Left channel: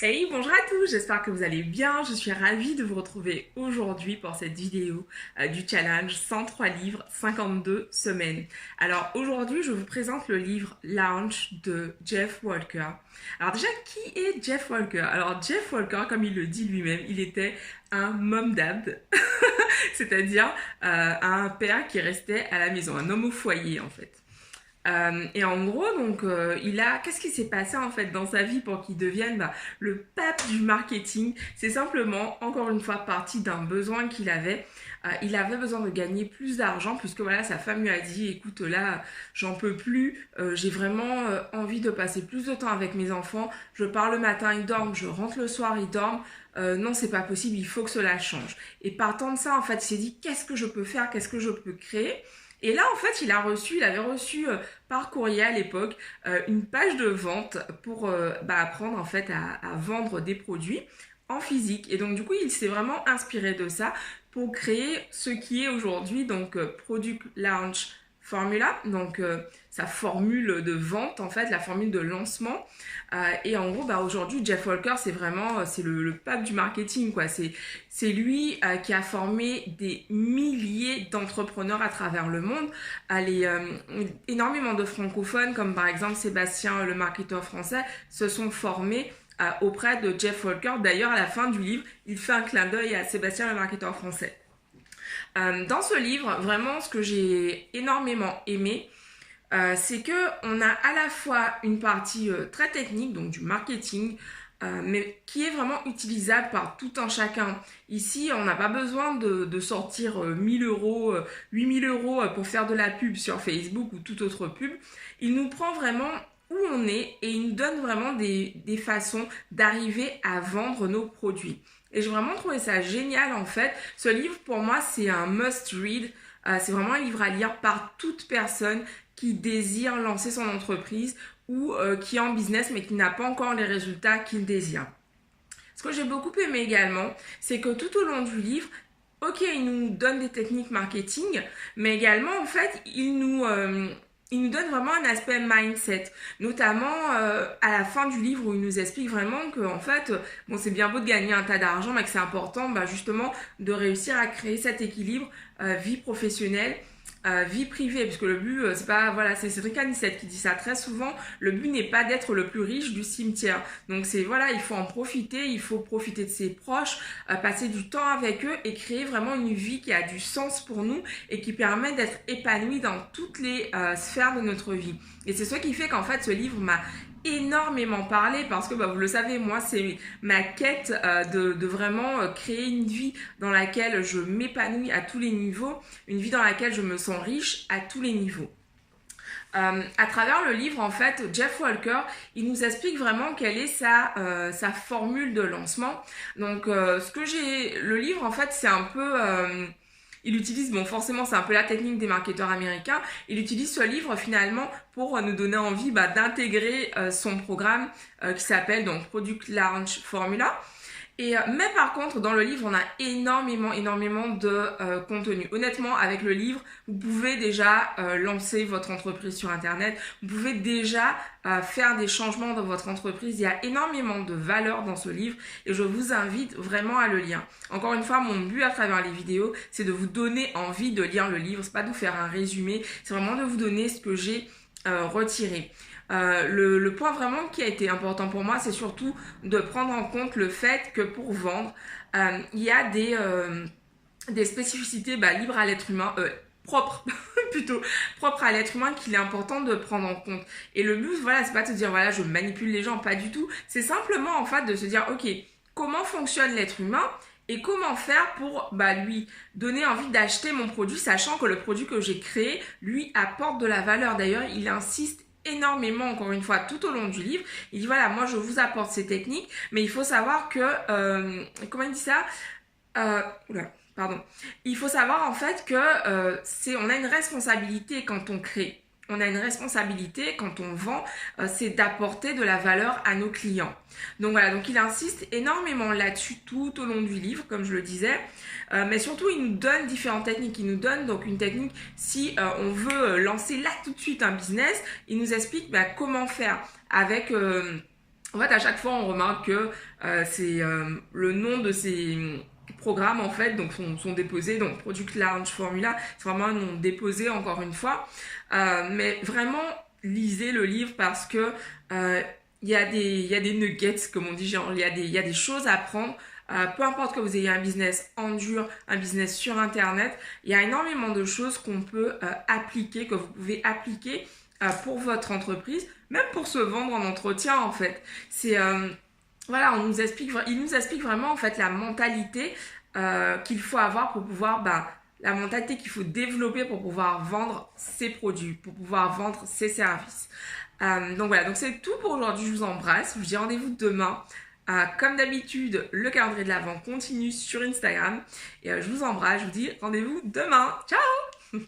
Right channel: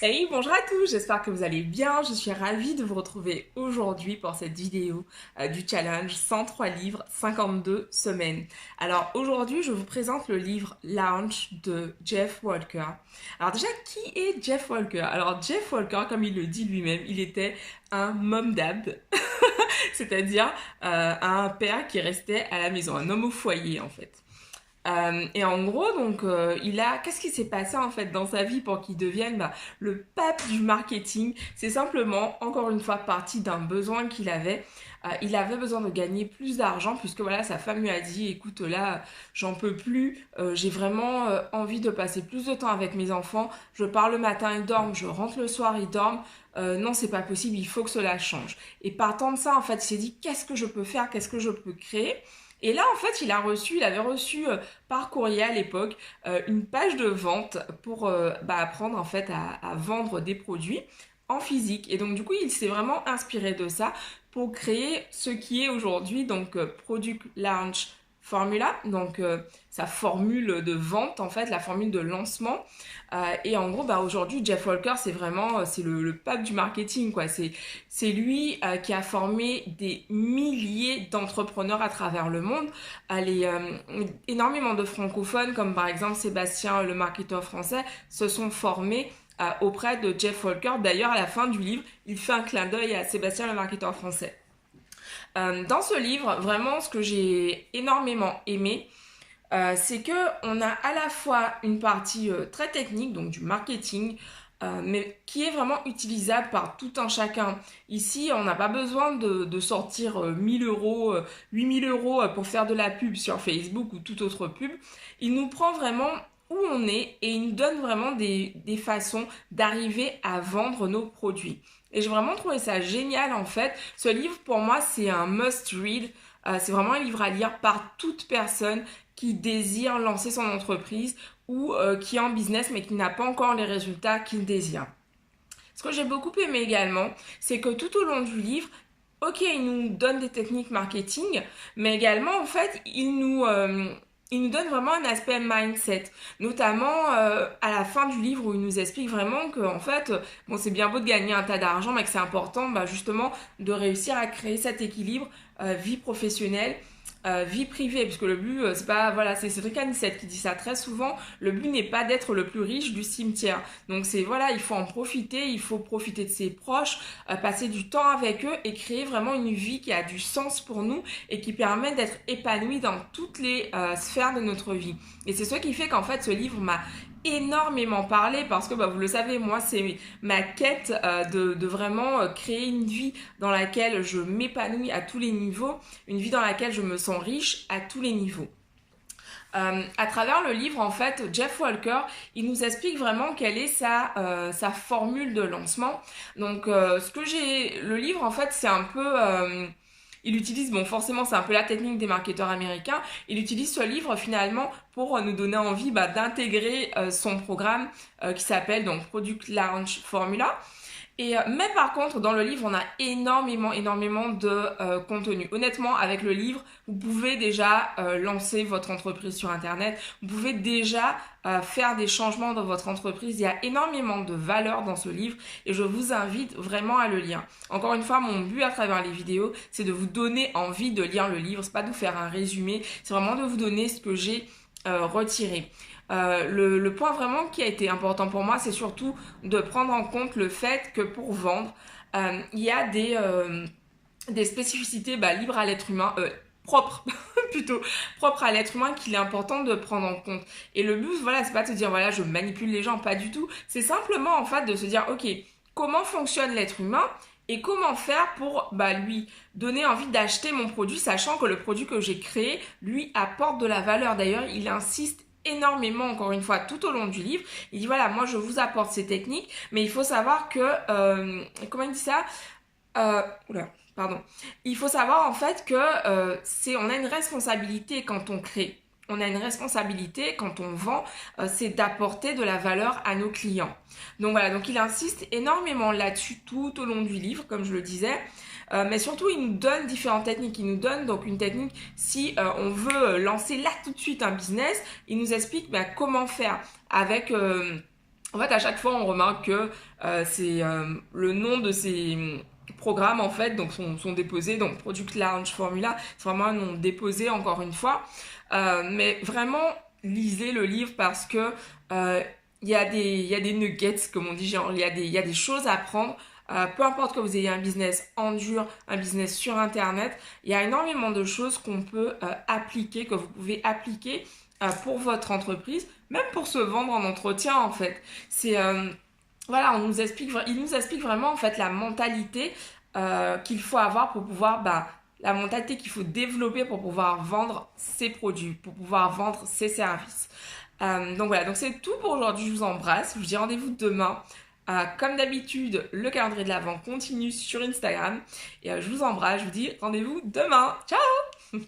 Hey, bonjour à tous, j'espère que vous allez bien. Je suis ravie de vous retrouver aujourd'hui pour cette vidéo du challenge 103 livres, 52 semaines. Alors aujourd'hui, je vous présente le livre Launch de Jeff Walker. Alors déjà, qui est Jeff Walker? Alors Jeff Walker, comme il le dit lui-même, il était un mom dad, c'est-à-dire un père qui restait à la maison, un homme au foyer en fait. Et en gros, donc, qu'est-ce qui s'est passé en fait dans sa vie pour qu'il devienne le pape du marketing? C'est simplement, encore une fois, parti d'un besoin qu'il avait. Il avait besoin de gagner plus d'argent puisque voilà, sa femme lui a dit, écoute, là, j'en peux plus, j'ai vraiment envie de passer plus de temps avec mes enfants. Je pars le matin, ils dorment, je rentre le soir, ils dorment. Non, c'est pas possible, il faut que cela change. Et partant de ça, en fait, il s'est dit, qu'est-ce que je peux faire, qu'est-ce que je peux créer? Et là, en fait, il avait reçu par courrier à l'époque une page de vente pour apprendre en fait à vendre des produits en physique. Et donc, du coup, il s'est vraiment inspiré de ça pour créer ce qui est aujourd'hui donc Product Launch Formula, donc sa formule de vente en fait, la formule de lancement. Et en gros, aujourd'hui, Jeff Walker, c'est vraiment c'est le pape du marketing, quoi. C'est lui qui a formé des milliers d'entrepreneurs à travers le monde. Énormément de francophones, comme par exemple Sébastien, le marketeur français, se sont formés auprès de Jeff Walker. D'ailleurs, à la fin du livre, il fait un clin d'œil à Sébastien, le marketeur français. Dans ce livre, vraiment, ce que j'ai énormément aimé, c'est que on a à la fois une partie très technique, donc du marketing, mais qui est vraiment utilisable par tout un chacun. Ici, on n'a pas besoin de sortir 1000 euros, 8000 euros pour faire de la pub sur Facebook ou toute autre pub. Il nous prend vraiment où on est et il nous donne vraiment des façons d'arriver à vendre nos produits. Et j'ai vraiment trouvé ça génial en fait. Ce livre pour moi c'est un must read. C'est vraiment un livre à lire par toute personne qui désire lancer son entreprise ou qui est en business mais qui n'a pas encore les résultats qu'il désire. Ce que j'ai beaucoup aimé également, c'est que tout au long du livre, ok, il nous donne des techniques marketing, mais également en fait, il nous donne vraiment un aspect mindset, notamment à la fin du livre où il nous explique vraiment que en fait, bon c'est bien beau de gagner un tas d'argent, mais que c'est important justement de réussir à créer cet équilibre vie professionnelle, vie privée, parce que le but c'est pas voilà, c'est Cédric Anissette qui dit ça très souvent, le but n'est pas d'être le plus riche du cimetière. Donc c'est voilà, il faut en profiter, il faut profiter de ses proches, passer du temps avec eux et créer vraiment une vie qui a du sens pour nous et qui permet d'être épanoui dans toutes les sphères de notre vie. Et c'est ce qui fait qu'en fait ce livre m'a énormément parlé parce que vous le savez, moi c'est ma quête de vraiment créer une vie dans laquelle je m'épanouis à tous les niveaux, une vie dans laquelle je me sens riche à tous les niveaux. À travers le livre, en fait, Jeff Walker, il nous explique vraiment quelle est sa formule de lancement. Donc, le livre, en fait, c'est un peu, il utilise, bon, forcément, c'est un peu la technique des marketeurs américains. Il utilise ce livre finalement pour nous donner envie d'intégrer son programme qui s'appelle donc Product Launch Formula. Mais par contre, dans le livre, on a énormément de contenu. Honnêtement, avec le livre, vous pouvez déjà lancer votre entreprise sur Internet. Vous pouvez déjà faire des changements dans votre entreprise. Il y a énormément de valeur dans ce livre et je vous invite vraiment à le lire. Encore une fois, mon but à travers les vidéos, c'est de vous donner envie de lire le livre. C'est pas de vous faire un résumé, c'est vraiment de vous donner ce que j'ai retiré. Le point vraiment qui a été important pour moi, c'est surtout de prendre en compte le fait que pour vendre, il y a des spécificités libres à l'être humain, propres plutôt, propres à l'être humain qu'il est important de prendre en compte. Et le but, voilà, c'est pas de se dire, voilà, je manipule les gens, pas du tout. C'est simplement, en fait, de se dire, ok, comment fonctionne l'être humain et comment faire pour lui donner envie d'acheter mon produit, sachant que le produit que j'ai créé lui apporte de la valeur. D'ailleurs, il insiste énormément, encore une fois, tout au long du livre. Il dit voilà, moi je vous apporte ces techniques, mais il faut savoir que comment il dit ça, pardon, il faut savoir en fait que on a une responsabilité quand on crée, on a une responsabilité quand on vend, c'est d'apporter de la valeur à nos clients. Donc voilà, donc il insiste énormément là-dessus tout au long du livre, comme je le disais. Mais surtout, il nous donne différentes techniques. Il nous donne donc une technique si on veut lancer là tout de suite un business. Il nous explique comment faire avec En fait, à chaque fois, on remarque que c'est le nom de ces programmes, en fait, donc sont déposés. Donc, Product Launch Formula, c'est vraiment un nom déposé, encore une fois. Mais vraiment, lisez le livre parce que il y a des nuggets, comme on dit, genre, il y a des choses à apprendre. Peu importe que vous ayez un business en dur, un business sur Internet, il y a énormément de choses qu'on peut appliquer, que vous pouvez appliquer pour votre entreprise, même pour se vendre en entretien en fait. C'est voilà, il nous explique vraiment en fait la mentalité qu'il faut avoir pour pouvoir, la mentalité qu'il faut développer pour pouvoir vendre ses produits, pour pouvoir vendre ses services. Donc voilà, donc c'est tout pour aujourd'hui. Je vous embrasse. Je vous dis rendez-vous demain. Comme d'habitude, le calendrier de l'Avent continue sur Instagram. Et je vous embrasse. Je vous dis rendez-vous demain. Ciao.